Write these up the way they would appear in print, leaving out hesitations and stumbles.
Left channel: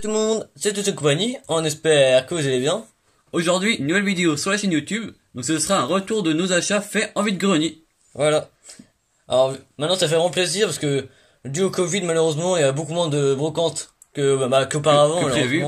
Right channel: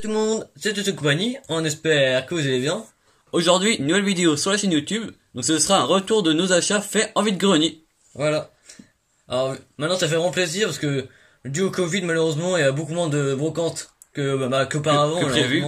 Tout le monde, c'est toute compagnie, on espère que vous allez bien. Aujourd'hui, une nouvelle vidéo sur la chaîne YouTube, donc ce sera un retour de nos achats faits en vide-grenier. Voilà. Alors maintenant ça fait vraiment plaisir parce que dû au Covid malheureusement il y a beaucoup moins de brocantes qu'auparavant. Que prévu.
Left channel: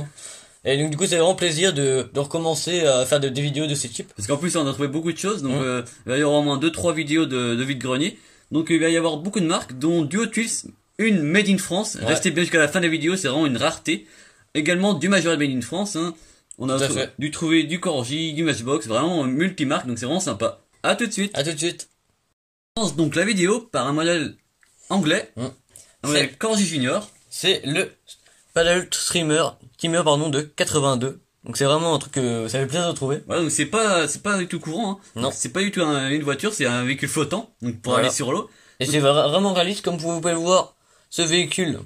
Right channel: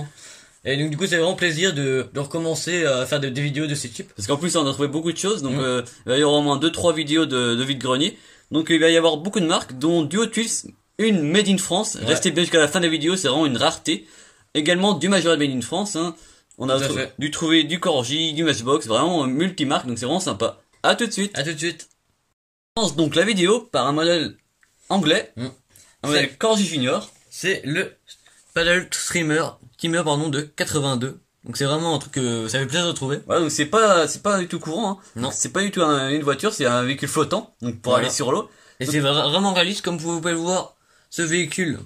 Et donc du coup c'est vraiment plaisir de recommencer à faire des vidéos de ce type. Parce qu'en plus on a trouvé beaucoup de choses, donc il va y avoir au moins 2-3 vidéos de vide-grenier. Donc il va y avoir beaucoup de marques, dont Duo Twist, une Made in France. Ouais. Restez bien jusqu'à la fin de la vidéo, c'est vraiment une rareté. Également du Majorette Made in France, hein. On a dû trouver du Corgi, du Matchbox, vraiment multi-marque, donc c'est vraiment sympa. À tout de suite. À tout de suite. On lance donc la vidéo par un modèle anglais, un modèle Corgi Junior. C'est le Paddle Streamer de 82. Donc c'est vraiment un truc que ça fait plaisir de trouver. Voilà, donc c'est pas du tout courant, hein. Non. C'est pas du tout une voiture, c'est un véhicule flottant, donc pour aller sur l'eau. Et c'est vraiment réaliste, comme vous pouvez le voir, ce véhicule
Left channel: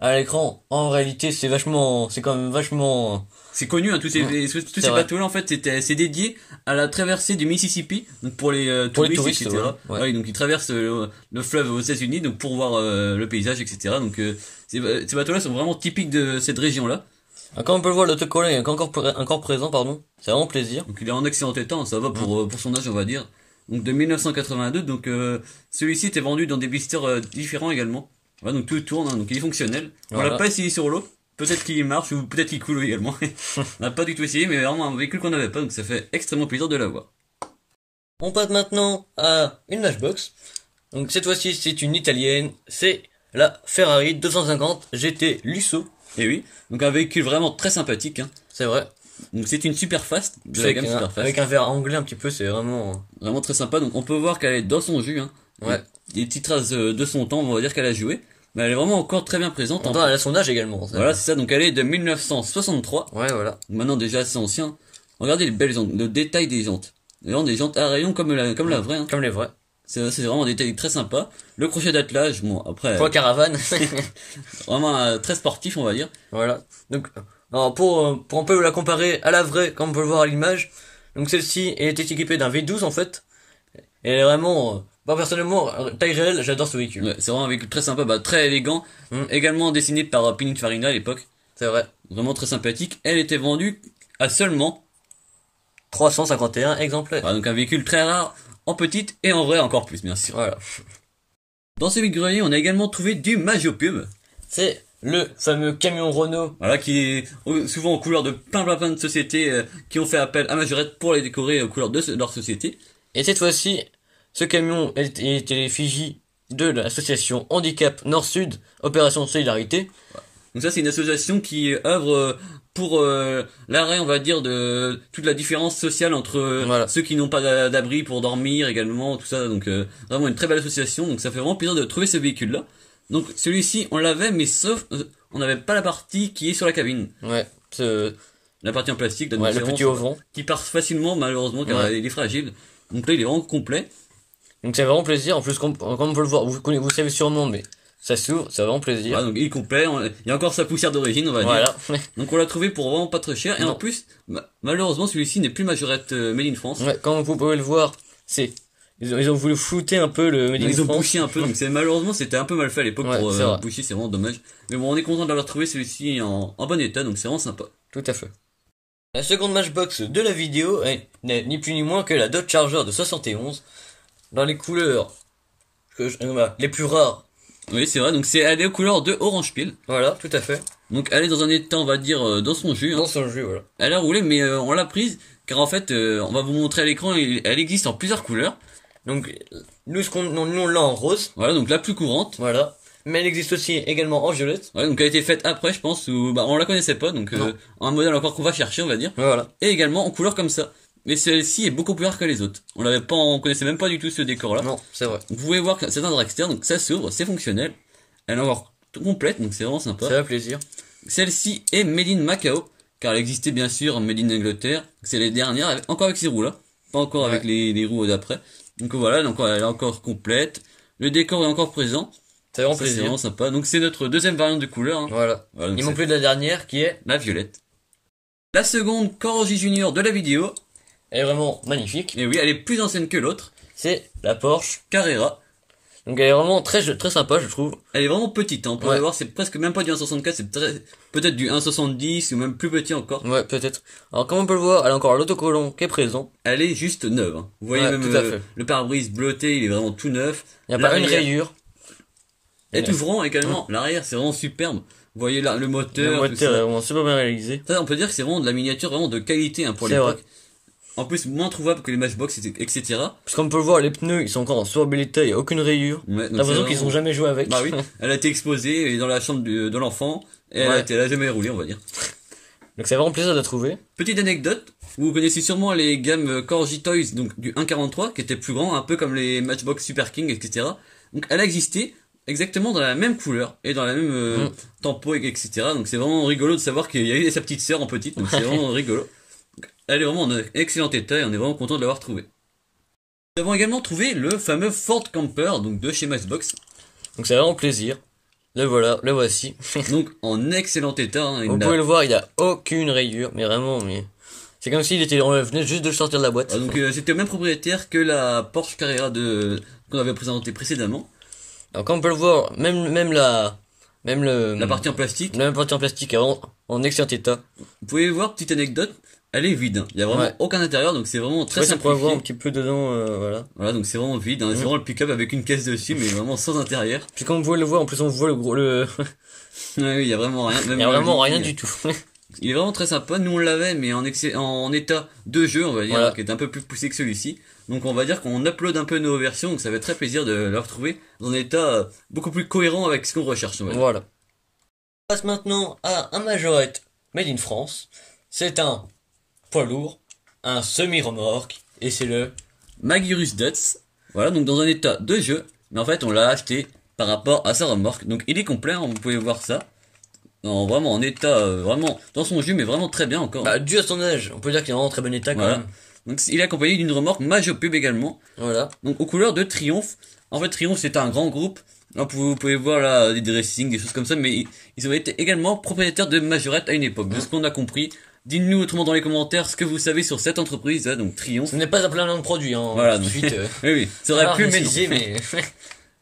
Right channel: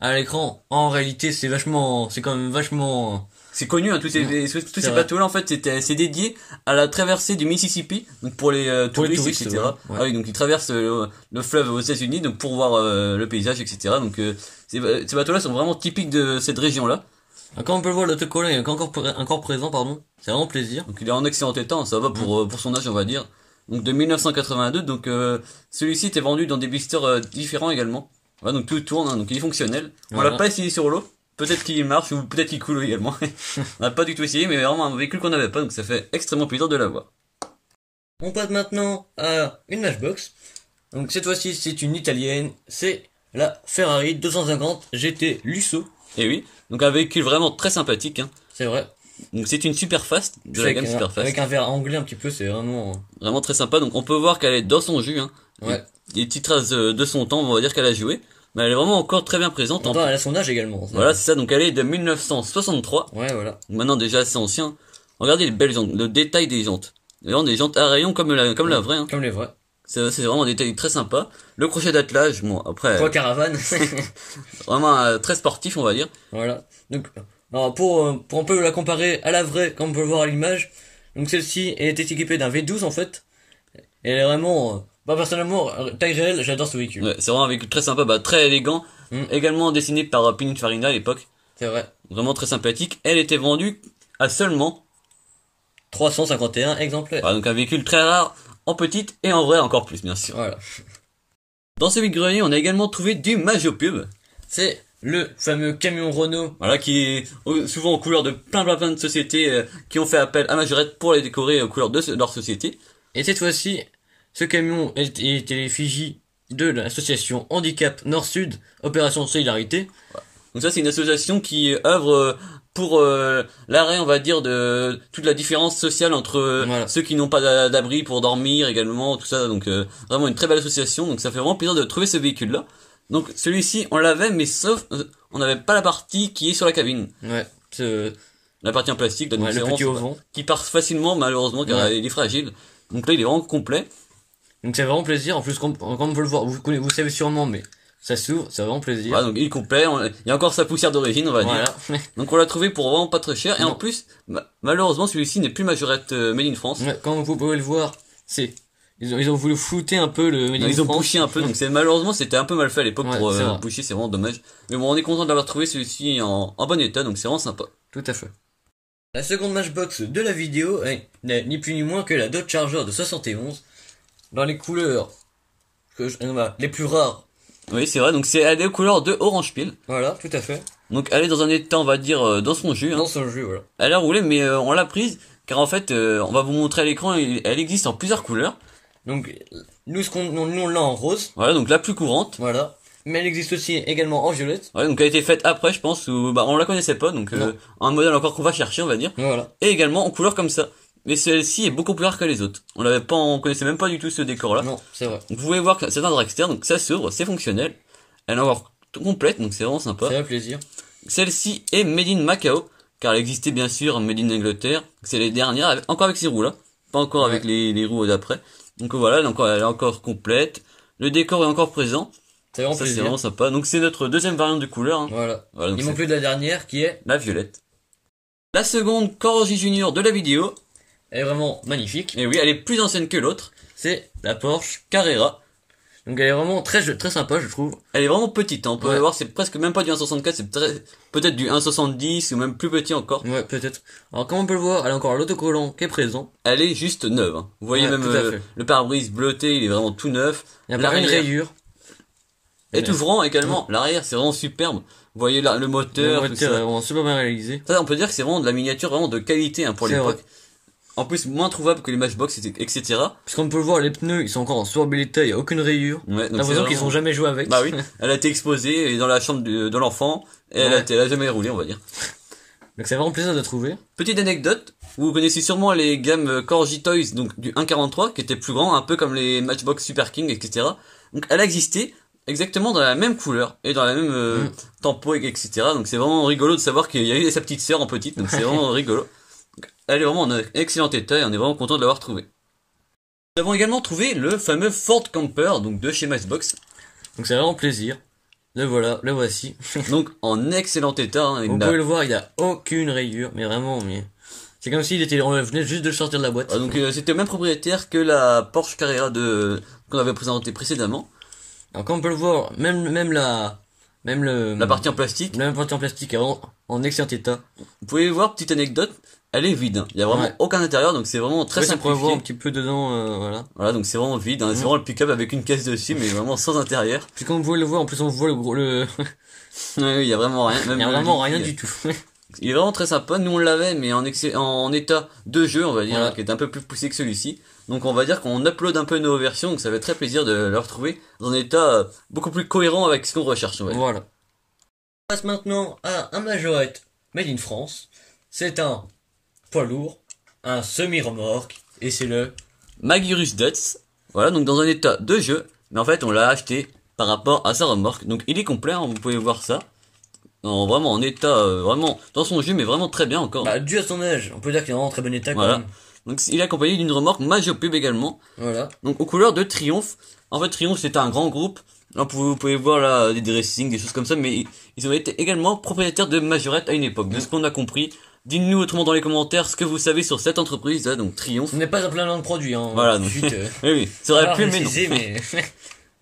à l'écran. En réalité, c'est quand même vachement. C'est connu, hein, tous ces bateaux-là, en fait, c'est dédié à la traversée du Mississippi, donc pour les touristes, etc. Voilà. Ouais. Ouais, donc ils traversent le fleuve aux États-Unis, donc pour voir le paysage, etc. Donc ces bateaux-là sont vraiment typiques de cette région-là. Comme on peut le voir, l'autocollant est encore présent, pardon. C'est vraiment plaisir. Donc il est en excellent état, ça va pour son âge, on va dire. Donc de 1982, donc celui-ci était vendu dans des blisters différents également. Voilà, donc tout tourne, hein, donc il est fonctionnel. Voilà. On l'a pas essayé sur l'eau. Peut-être qu'il marche ou peut-être qu'il coule également. On n'a pas du tout essayé, mais vraiment un véhicule qu'on n'avait pas, donc ça fait extrêmement plaisir de l'avoir. On passe maintenant à une Matchbox. Donc cette fois-ci c'est une italienne, c'est la Ferrari 250 GT Lusso. Et oui, donc un véhicule vraiment très sympathique, hein. C'est vrai. Donc c'est une Superfast, de la gamme Superfast. Avec un verre anglais un petit peu, c'est vraiment très sympa. Donc on peut voir qu'elle est dans son jus, hein. Ouais. Les petites traces de son temps, on va dire qu'elle a joué. Mais elle est vraiment encore très bien présente. Elle a son âge également. Voilà, c'est ça. Donc elle est de 1963. Ouais, voilà. Donc maintenant déjà assez ancien. Regardez les belles jantes, le détail des jantes. Vraiment des jantes à rayons comme la vraie, hein. Comme les vraies. C'est vraiment un détail très sympa. Le crochet d'attelage, bon après. Pour la caravane. Vraiment très sportif, on va dire. Voilà. Donc, alors pour un peu la comparer à la vraie, comme on peut le voir à l'image. Donc celle-ci était équipée d'un V12 en fait. Et elle est vraiment. Personnellement, taille réelle, j'adore ce véhicule. Ouais, c'est vraiment un véhicule très sympa, très élégant. Également dessiné par Pininfarina à l'époque. C'est vrai. Vraiment très sympathique. Elle était vendue à seulement 351 exemplaires. Voilà, donc un véhicule très rare, en petite et en vrai encore plus, bien sûr. Voilà. Dans ce vide-grenier, on a également trouvé du Magiopub. C'est le fameux camion Renault. Voilà, qui est souvent aux couleurs de plein de sociétés qui ont fait appel à Majorette pour les décorer aux couleurs de leur société. Et cette fois-ci, ce camion était l'effigie de l'association Handicap Nord-Sud, Opération Solidarité. Donc ça, c'est une association qui œuvre pour l'arrêt, on va dire, de toute la différence sociale entre ceux qui n'ont pas d'abri pour dormir également, tout ça. Donc vraiment une très belle association. Donc ça fait vraiment plaisir de trouver ce véhicule-là. Donc celui-ci, on l'avait, mais sauf on n'avait pas la partie qui est sur la cabine. Ouais. La partie en plastique, donc le petit auvent qui part facilement, malheureusement, car il est fragile. Donc là, il est vraiment complet. Donc c'est vraiment plaisir. En plus, comme on peut le voir, vous savez sûrement, mais ça s'ouvre, c'est vraiment plaisir. Voilà, donc il est complet. Il y a encore sa poussière d'origine, on va dire. Donc on l'a trouvé pour vraiment pas très cher. Et en plus, malheureusement, celui-ci n'est plus Majorette Made in France. Ouais, comme vous pouvez le voir, ils ont voulu flouter un peu le Made in France. Ils ont bouché un peu. Donc malheureusement, c'était un peu mal fait à l'époque pour boucher. C'est vraiment dommage. Mais bon, on est content d'avoir trouvé celui-ci en bon état. Donc c'est vraiment sympa. Tout à fait. La seconde Matchbox de la vidéo n'est ni plus ni moins que la Dodge Charger de 71. Dans les couleurs les plus rares. Oui, c'est vrai. Donc elle est aux couleurs de orange pile. Voilà, tout à fait. Donc elle est dans un état, on va dire, dans son jus. Dans son jus, voilà. Elle a roulé, mais on l'a prise car en fait, on va vous montrer à l'écran. Elle existe en plusieurs couleurs. Donc nous on l'a en rose. Voilà, donc la plus courante. Voilà. Mais elle existe aussi également en violette. Ouais, donc elle a été faite après, je pense, ou on la connaissait pas, donc un modèle encore qu'on va chercher, on va dire. Voilà. Et également en couleur comme ça. Mais celle-ci est beaucoup plus rare que les autres. On connaissait même pas du tout ce décor-là. Non, c'est vrai. Donc, vous pouvez voir que c'est un dragster, donc ça s'ouvre, c'est fonctionnel. Elle est encore complète, donc c'est vraiment sympa. Ça fait plaisir. Celle-ci est made in Macao, car elle existait bien sûr made in Angleterre. C'est les dernières, encore avec ces roues-là, pas encore avec les roues d'après. Donc voilà, donc elle est encore complète. Le décor est encore présent. C'est vraiment sympa. Donc c'est notre deuxième variante de couleur, hein. Voilà. Il manque plus de la dernière qui est la violette. La seconde Corgi Junior de la vidéo. Elle est vraiment magnifique. Et oui, elle est plus ancienne que l'autre. C'est la Porsche Carrera. Donc elle est vraiment très sympa, je trouve. Elle est vraiment petite, hein. On peut voir, c'est presque même pas du 1,64, c'est peut-être du 1,70 ou même plus petit encore. Ouais, peut-être. Alors comme on peut le voir, elle a encore l'autocollant qui est présent. Elle est juste neuve, hein. Vous voyez même le pare-brise bleuté, il est vraiment tout neuf. Il n'y a pas une rayure. Et tout ouvrant également, l'arrière c'est vraiment superbe. Vous voyez là, le moteur est vraiment super bien réalisé. Ça, on peut dire que c'est vraiment de la miniature vraiment de qualité, hein, pour l'époque. En plus, moins trouvable que les Matchbox, etc. Parce qu'on peut le voir, les pneus, ils sont encore en super bel état, il n'y a aucune rayure. Ouais, t'as l'impression qu'ils ont jamais joué avec. Bah oui, elle a été exposée dans la chambre de l'enfant, et elle a jamais roulé, on va dire. Donc c'est vraiment plaisir de trouver. Petite anecdote, vous connaissez sûrement les gammes Corgi Toys, donc du 1,43, qui étaient plus grands, un peu comme les Matchbox Super King, etc. Donc elle a existé exactement dans la même couleur, et dans la même tempo, etc. Donc c'est vraiment rigolo de savoir qu'il y a eu sa petite sœur en petite, donc c'est vraiment rigolo. Elle est vraiment en excellent état et on est vraiment content de l'avoir trouvé. Nous avons également trouvé le fameux Ford Camper, donc de chez Matchbox. Donc c'est vraiment plaisir. Le voilà, le voici. Donc en excellent état. Hein, vous pouvez le voir, il n'y a aucune rayure, mais vraiment, c'est comme s'il était, on venait juste de le sortir de la boîte. Ah, donc c'était le même propriétaire que la Porsche Carrera qu'on avait présenté précédemment. Alors comme on peut le voir, même la partie en plastique. La partie en plastique est en excellent état. Vous pouvez voir, petite anecdote. Elle est vide, il y a vraiment aucun intérieur, donc c'est vraiment très simple. On peut voir un petit peu dedans, voilà. Voilà, donc c'est vraiment vide, hein. C'est vraiment le pick-up avec une caisse dessus, mais vraiment sans intérieur. Puis comme vous pouvez le voir, en plus on voit le oui, il y a vraiment rien. Il y a vraiment rien du tout. Il est vraiment très sympa. Nous on l'avait, mais en état de jeu, on va dire, qui est un peu plus poussé que celui-ci. Donc on va dire qu'on upload un peu nos versions, donc ça fait très plaisir de le retrouver dans un état beaucoup plus cohérent avec ce qu'on recherche. Voilà. On passe maintenant à un Majorette made in France. C'est un poids lourd, un semi-remorque, et c'est le Magirus Dutz. Voilà, donc dans un état de jeu, mais en fait on l'a acheté par rapport à sa remorque. Donc il est complet, hein, vous pouvez voir ça. Vraiment en état, vraiment dans son jus, mais vraiment très bien encore. Bah, dû à son âge, on peut dire qu'il est en très bon état quand même. Donc il est accompagné d'une remorque Majopub également. Voilà. Donc aux couleurs de Triumph. En fait Triumph c'est un grand groupe. Là, vous pouvez voir là des dressings, des choses comme ça, mais ils ont été également propriétaires de Majorette à une époque. De ce qu'on a compris. Dites-nous autrement dans les commentaires ce que vous savez sur cette entreprise, là, donc Triumph. Ce n'est pas un plein nom de produit, hein. Voilà, donc, oui, ça aurait pu, mais non. Mais...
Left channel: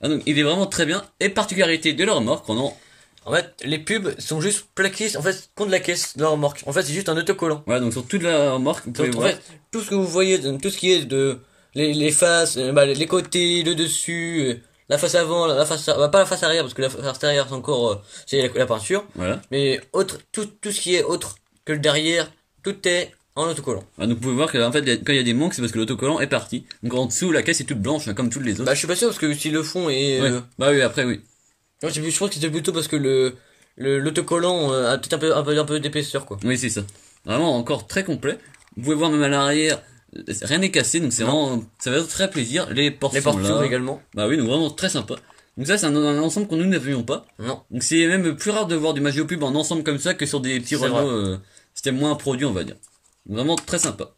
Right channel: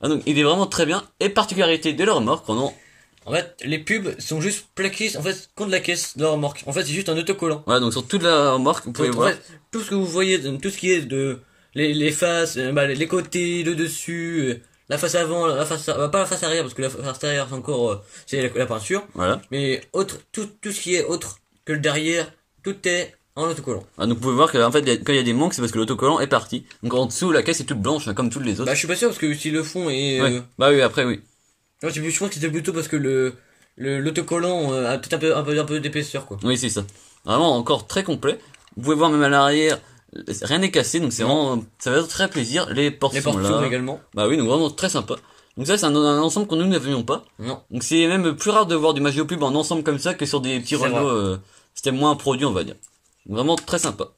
ah, donc, il est vraiment très bien. Et particularité de la remorque, en fait, les pubs sont juste plaqués, en fait, contre la caisse de la remorque. En fait, c'est juste un autocollant. Voilà, donc sur toute la remorque, vous pouvez voir. En fait, tout ce que vous voyez, tout ce qui est de, les faces, les côtés, le dessus, la face avant, pas la face arrière, parce que la face arrière, c'est encore, c'est la peinture. Voilà. Mais tout ce qui est autre que le derrière, tout est en autocollant. Ah, donc vous pouvez voir que en fait quand il y a des manques, c'est parce que l'autocollant est parti. Donc en dessous la caisse est toute blanche, hein, comme toutes les autres. Bah je suis pas sûr parce que s'ils le font et bah oui, après oui. Ouais, je pense que c'était plutôt parce que l'autocollant a peut-être un peu d'épaisseur quoi. Oui, c'est ça. Vraiment encore très complet. Vous pouvez voir même à l'arrière, rien n'est cassé, donc c'est vraiment, ça va être très plaisir. Les portes sont là également. Bah oui, donc vraiment très sympa. Donc ça c'est un ensemble que nous n'avions pas. Non. Donc c'est même plus rare de voir du Majopub en ensemble comme ça que sur des petits Renault. C'était moins un produit, on va dire. Vraiment très sympa.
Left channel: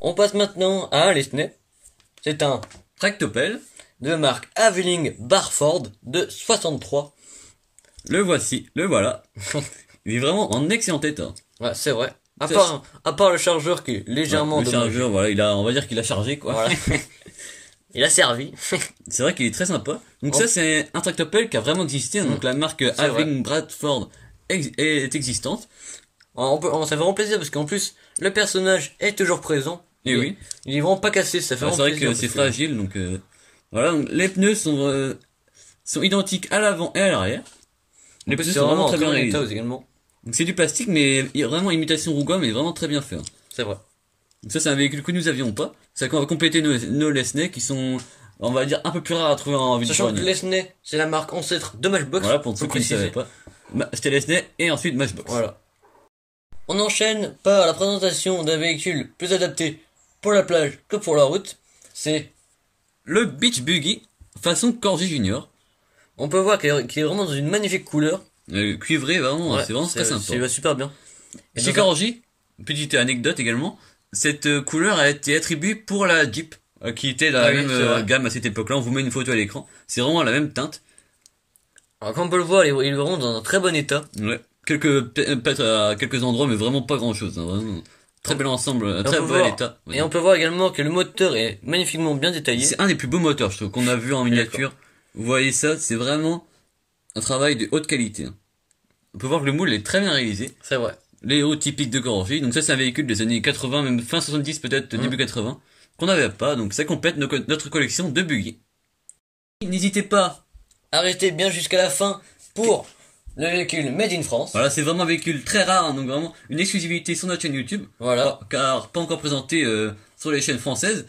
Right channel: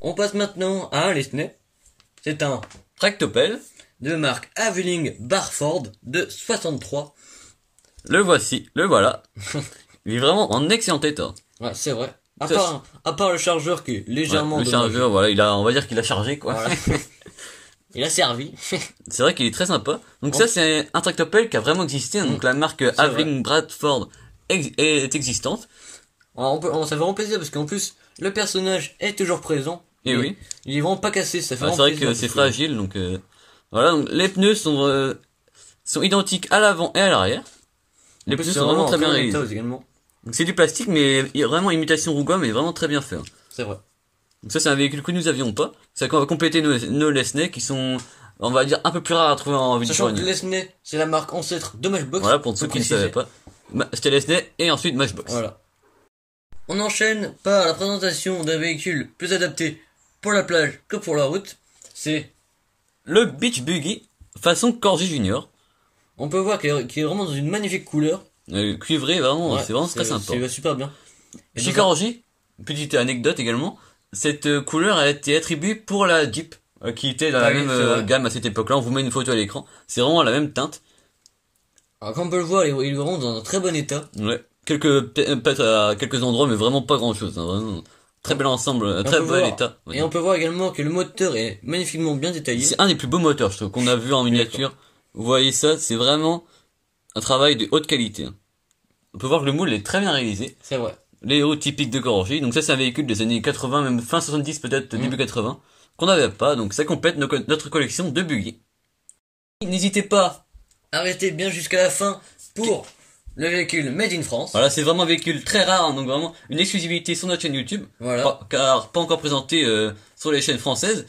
On passe maintenant à un Lesney. C'est un tractopelle de marque Aveling Barford de 63. Le voici, le voilà. Il est vraiment en excellent état. Ouais, c'est vrai. À part le chargeur qui est légèrement le chargeur, voilà, on va dire qu'il a chargé, quoi. Voilà. Il a servi. C'est vrai qu'il est très sympa. Donc ça, c'est un tractopelle qui a vraiment existé. Donc la marque Aveling Bradford est existante. Alors, ça fait vraiment plaisir parce qu'en plus, le personnage est toujours présent. Et oui. Il est vraiment pas cassé, ça fait vraiment plaisir. C'est vrai que c'est fragile, donc voilà. Donc, les pneus sont identiques à l'avant et à l'arrière. Les pneus sont vraiment très bien réalisés. Également. Donc c'est du plastique, mais vraiment imitation Rouga, mais vraiment très bien fait. Hein. C'est vrai. Donc ça, c'est un véhicule que nous avions pas. Ça va compléter nos Lesney qui sont, on va dire, un peu plus rares à trouver en ville. Sachant que Lesney, c'est la marque ancêtre de Matchbox. Voilà, pour ceux qui ne savaient pas. C'était Lesney et ensuite Matchbox. Voilà. On enchaîne par la présentation d'un véhicule plus adapté pour la plage que pour la route. C'est le Beach Buggy façon Corgi Junior. On peut voir qu'il est vraiment dans une magnifique couleur. Cuivré, vraiment, c'est vraiment très sympa. C'est super bien. Chez Corgi, petite anecdote également, cette couleur a été attribuée pour la Jeep, qui était dans la même gamme à cette époque-là. On vous met une photo à l'écran. C'est vraiment la même teinte. Alors comme on peut le voir, il est vraiment dans un très bon état. Ouais. Peut-être à quelques endroits, mais vraiment pas grand-chose. Hein, vraiment. Très bel ensemble, très bel état. Et on peut voir également que le moteur est magnifiquement bien détaillé. C'est un des plus beaux moteurs, je trouve, qu'on a vu en miniature. Vous voyez ça, c'est vraiment un travail de haute qualité. On peut voir que le moule est très bien réalisé. C'est vrai. Les héros typiques de Corgi. Donc ça, c'est un véhicule des années 80, même fin 70 peut-être, début 80, qu'on n'avait pas. Donc ça complète notre collection de buggy. N'hésitez pas à rester bien jusqu'à la fin pour le véhicule Made in France. Voilà, c'est vraiment un véhicule très rare, hein, donc vraiment une exclusivité sur notre chaîne YouTube. Voilà. Car pas encore présenté sur les chaînes françaises.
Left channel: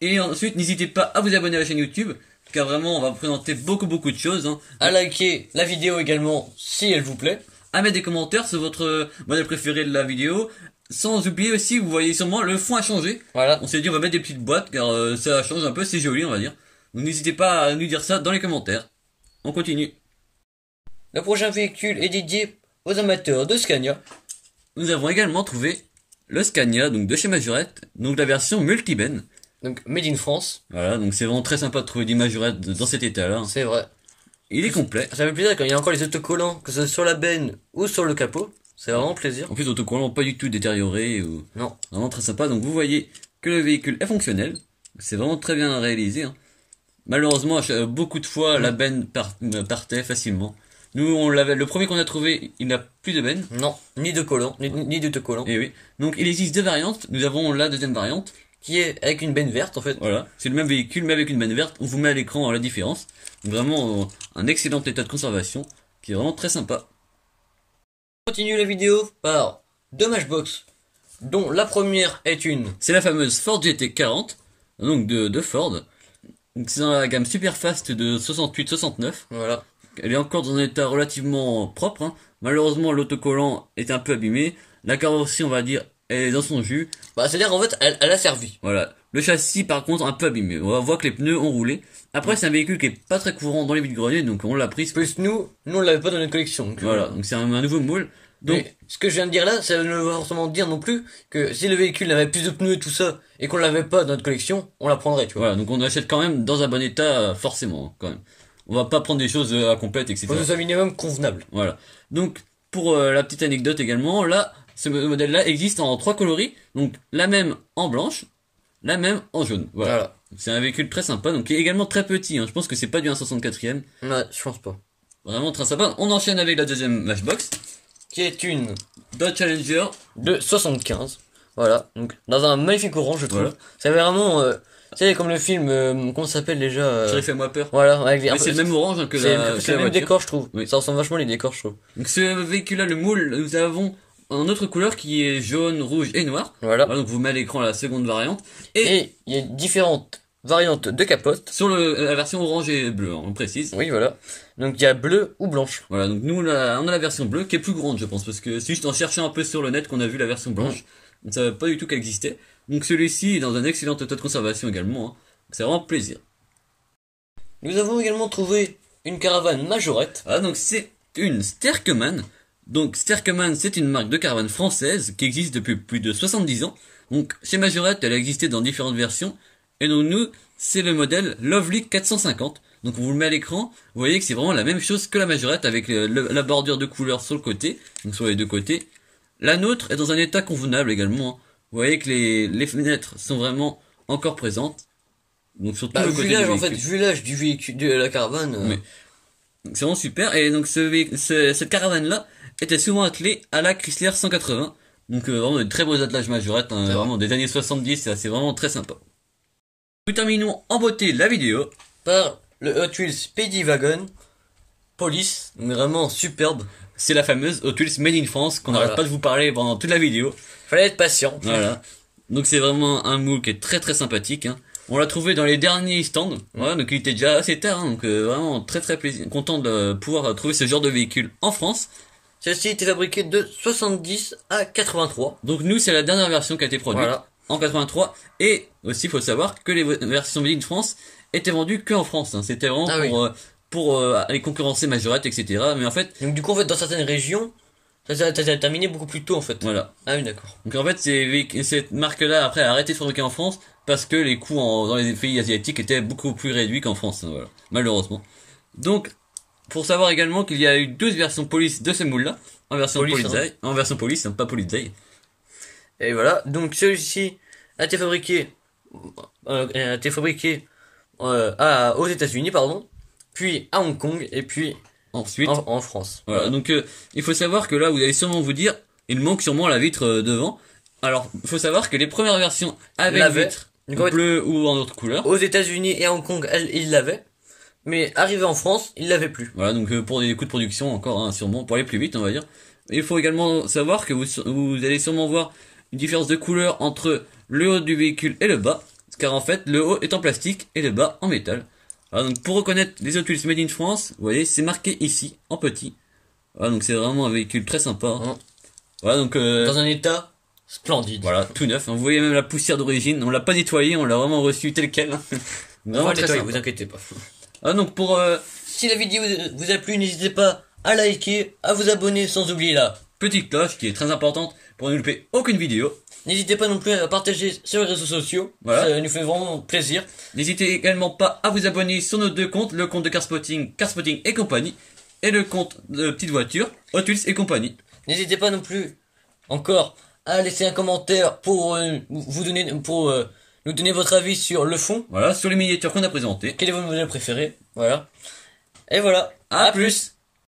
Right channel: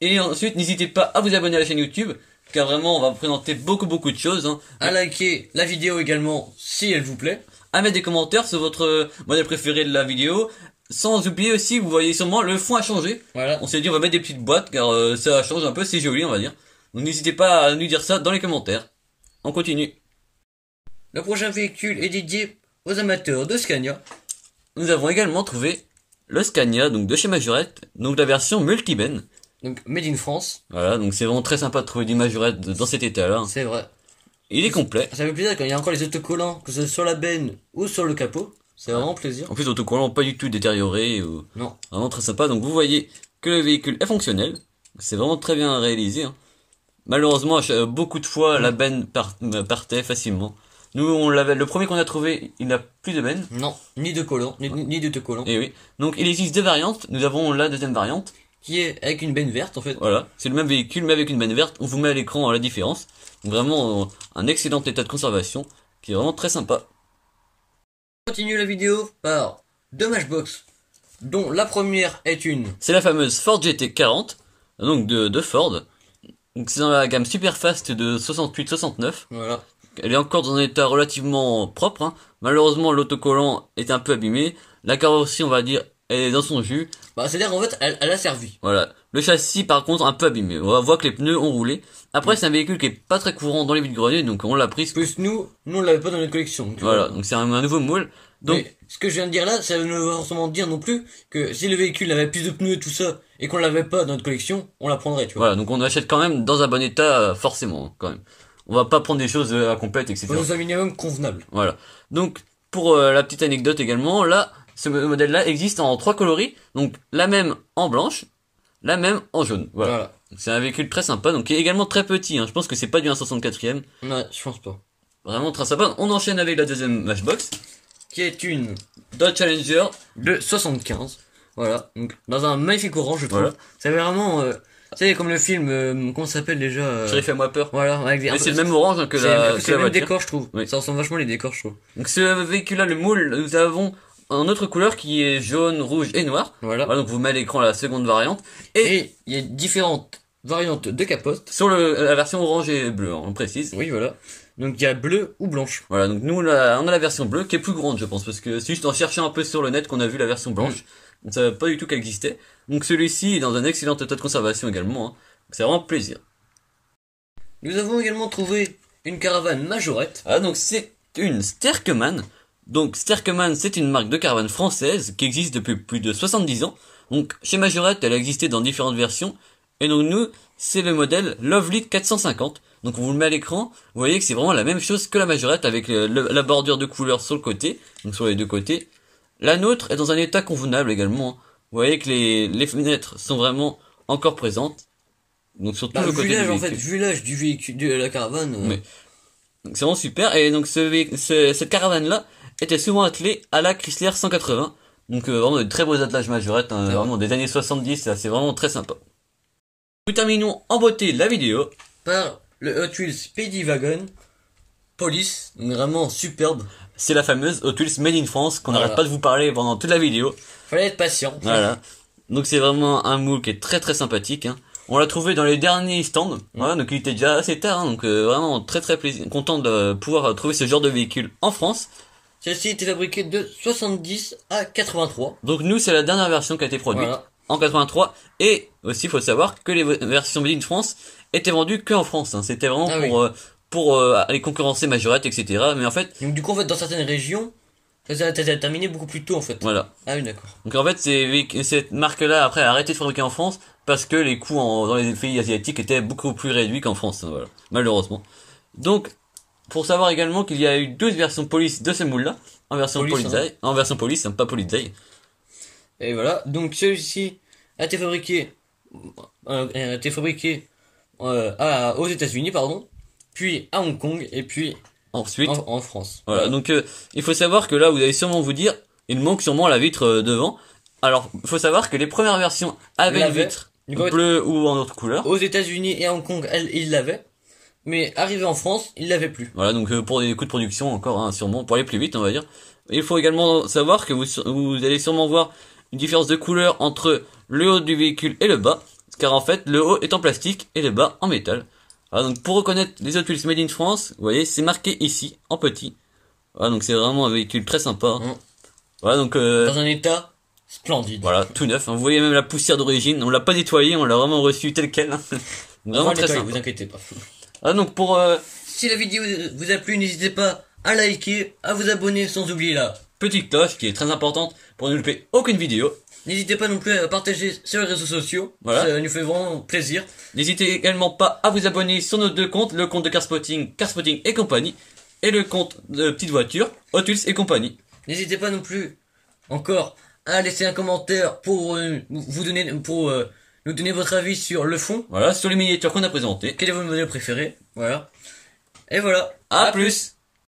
Et ensuite, n'hésitez pas à vous abonner à la chaîne YouTube, car vraiment, on va vous présenter beaucoup de choses. Hein. À liker la vidéo également, si elle vous plaît. À mettre des commentaires sur votre modèle préféré de la vidéo. Sans oublier aussi, vous voyez sûrement, le fond a changé. Voilà. On s'est dit, on va mettre des petites boîtes, car ça change un peu, c'est joli, on va dire. Donc n'hésitez pas à nous dire ça dans les commentaires. On continue. Le prochain véhicule est dédié aux amateurs de Scania. Nous avons également trouvé le Scania, donc de chez Majorette, donc la version multi-ben. Donc Made in France. Voilà, donc c'est vraiment très sympa de trouver du Majorette dans cet état-là. C'est vrai. Il est complet. Ça fait plaisir quand il y a encore les autocollants, que ce soit sur la benne ou sur le capot. C'est vraiment plaisir. En plus, autocollants pas du tout détériorés ou... Non. Vraiment très sympa. Donc vous voyez que le véhicule est fonctionnel. C'est vraiment très bien réalisé. Hein. Malheureusement, beaucoup de fois, la benne partait facilement. Nous, on l'avait, le premier qu'on a trouvé, il n'a plus de benne. Non, ni de collant, ni d'autocollant. Et oui. Donc, il existe deux variantes. Nous avons la deuxième variante. Qui est avec une benne verte, en fait. Voilà. C'est le même véhicule, mais avec une benne verte. On vous met à l'écran la différence. Donc, vraiment, un excellent état de conservation, qui est vraiment très sympa. On continue la vidéo par deux Matchbox, dont la première est une... C'est la fameuse Ford GT40, donc de Ford. Donc, c'est dans la gamme Superfast de 68-69. Voilà. Elle est encore dans un état relativement propre. Hein. Malheureusement, l'autocollant est un peu abîmé. La carrosserie, on va dire, elle est dans son jus. Bah, c'est-à-dire qu'en fait, elle a servi. Voilà. Le châssis, par contre, un peu abîmé. On va voir que les pneus ont roulé. Après, c'est un véhicule qui est pas très courant dans les vides-greniers, donc on l'a pris. Plus nous on l'avait pas dans notre collection. Donc voilà. Donc c'est un nouveau moule. Donc, mais ce que je viens de dire là, ça ne veut pas forcément dire non plus que si le véhicule avait plus de pneus et tout ça, et qu'on l'avait pas dans notre collection, on la prendrait, tu vois. Voilà. Donc on l'achète quand même dans un bon état, forcément, quand même. On va pas prendre des choses à complète, etc. Faut que ce soit minimum convenable. Voilà. Donc, pour la petite anecdote également, là, ce modèle-là existe en 3 coloris. Donc, la même en blanche, la même en jaune. Voilà. C'est un véhicule très sympa, donc qui est également très petit. Hein. Je pense que c'est pas du 164e. Ouais, je pense pas. Vraiment très sympa. On enchaîne avec la deuxième Matchbox, qui est une Dodge Challenger de 75. Voilà. Donc, dans un magnifique orange, je trouve. Voilà. C'est vraiment... tu sais, comme le film, comment ça s'appelle déjà Thierry Fais-moi peur. Voilà, avec mais c'est le même orange hein, que la. C'est le même décor, je trouve. Oui. Ça ressemble vachement les décors, je trouve. Donc ce véhicule-là, le moule, nous avons une autre couleur qui est jaune, rouge et noir. Voilà. Donc vous mettez à l'écran la seconde variante. Et il y a différentes variantes de capote. Sur la version orange et bleue, hein, on précise. Oui, voilà. Donc il y a bleu ou blanche. Voilà, donc nous on a la version bleue qui est plus grande, je pense, parce que c'est juste en cherchant un peu sur le net qu'on a vu la version blanche. On ne savait pas du tout qu'elle existait. Donc celui-ci est dans un excellent état de conservation également. Hein. C'est vraiment plaisir. Nous avons également trouvé une caravane Majorette. Ah, donc c'est une Sterkeman. Donc Sterkeman, c'est une marque de caravane française qui existe depuis plus de 70 ans. Donc chez Majorette, elle a existé dans différentes versions. Et donc nous, c'est le modèle Lovely 450. Donc on vous le met à l'écran. Vous voyez que c'est vraiment la même chose que la Majorette avec la bordure de couleur sur le côté. Donc sur les deux côtés. La nôtre est dans un état convenable également. Hein. Vous voyez que les fenêtres sont vraiment encore présentes. Donc sur tout le côté l'âge, en fait, vu l'âge du véhicule, de la caravane. Mais c'est vraiment super. Et donc cette caravane-là était souvent attelée à la Chrysler 180. Donc vraiment de très beaux attelages Majorette, hein, vraiment des années 70, c'est vraiment très sympa. Nous terminons en beauté la vidéo par le Hot Wheels Speedywagon Police, vraiment superbe. C'est la fameuse Hot Wheels Made in France qu'on n'arrête pas de vous parler pendant toute la vidéo. Fallait être patient. Voilà. Donc c'est vraiment un moule qui est très très sympathique. Hein. On l'a trouvé dans les derniers stands, voilà, donc il était déjà assez tard, hein, donc vraiment très très content de pouvoir trouver ce genre de véhicule en France. Celle-ci était fabriquée de 70 à 83. Donc nous c'est la dernière version qui a été produite en 83, et aussi il faut savoir que les versions Made in France étaient vendues que en France. Hein. C'était vraiment pour aller concurrencer Majorette, etc. Mais en fait, donc du coup en fait dans certaines régions ça a terminé beaucoup plus tôt en fait. Voilà. Ah oui d'accord. Donc en fait cette marque-là après a arrêté de fabriquer en France parce que les coûts dans les pays asiatiques étaient beaucoup plus réduits qu'en France, hein, voilà, malheureusement. Donc, pour savoir également qu'il y a eu 12 versions police de ce moule-là, en version police, en version police, hein, pas police. Et voilà, donc celui-ci a été fabriqué, aux États-Unis, pardon, puis à Hong Kong, et puis ensuite en France. Voilà, donc il faut savoir que là, vous allez sûrement vous dire, il manque sûrement la vitre devant. Alors, il faut savoir que les premières versions avaient une vitre bleue ou en autre couleur. Aux États-Unis et à Hong Kong, ils l'avaient. Mais arrivé en France, ils l'avaient plus. Voilà, donc pour des coûts de production encore, hein, sûrement, pour aller plus vite, on va dire. Il faut également savoir que vous allez sûrement voir une différence de couleur entre le haut du véhicule et le bas. Car en fait, le haut est en plastique et le bas en métal. Voilà, donc pour reconnaître les Hot Wheels Made in France, vous voyez, c'est marqué ici, en petit. Voilà, donc c'est vraiment un véhicule très sympa. Voilà, donc dans un état splendide. Voilà, tout neuf. Vous voyez même la poussière d'origine. On l'a pas nettoyé, on l'a vraiment reçu tel quel. Vraiment très sympa. Vous inquiétez pas. Ah, donc pour si la vidéo vous a plu, n'hésitez pas à liker, à vous abonner, sans oublier la petite cloche qui est très importante pour ne louper aucune vidéo. N'hésitez pas non plus à partager sur les réseaux sociaux. Voilà. Ça nous fait vraiment plaisir. N'hésitez également pas à vous abonner sur nos deux comptes, le compte de Carspotting et compagnie, et le compte de Petite Voiture, Hot Wheels et compagnie. N'hésitez pas non plus encore à laisser un commentaire pour nous donner votre avis sur le fond. Voilà, sur les miniatures qu'on a présentées. Quel est votre modèle préféré? Voilà. Et voilà. À plus.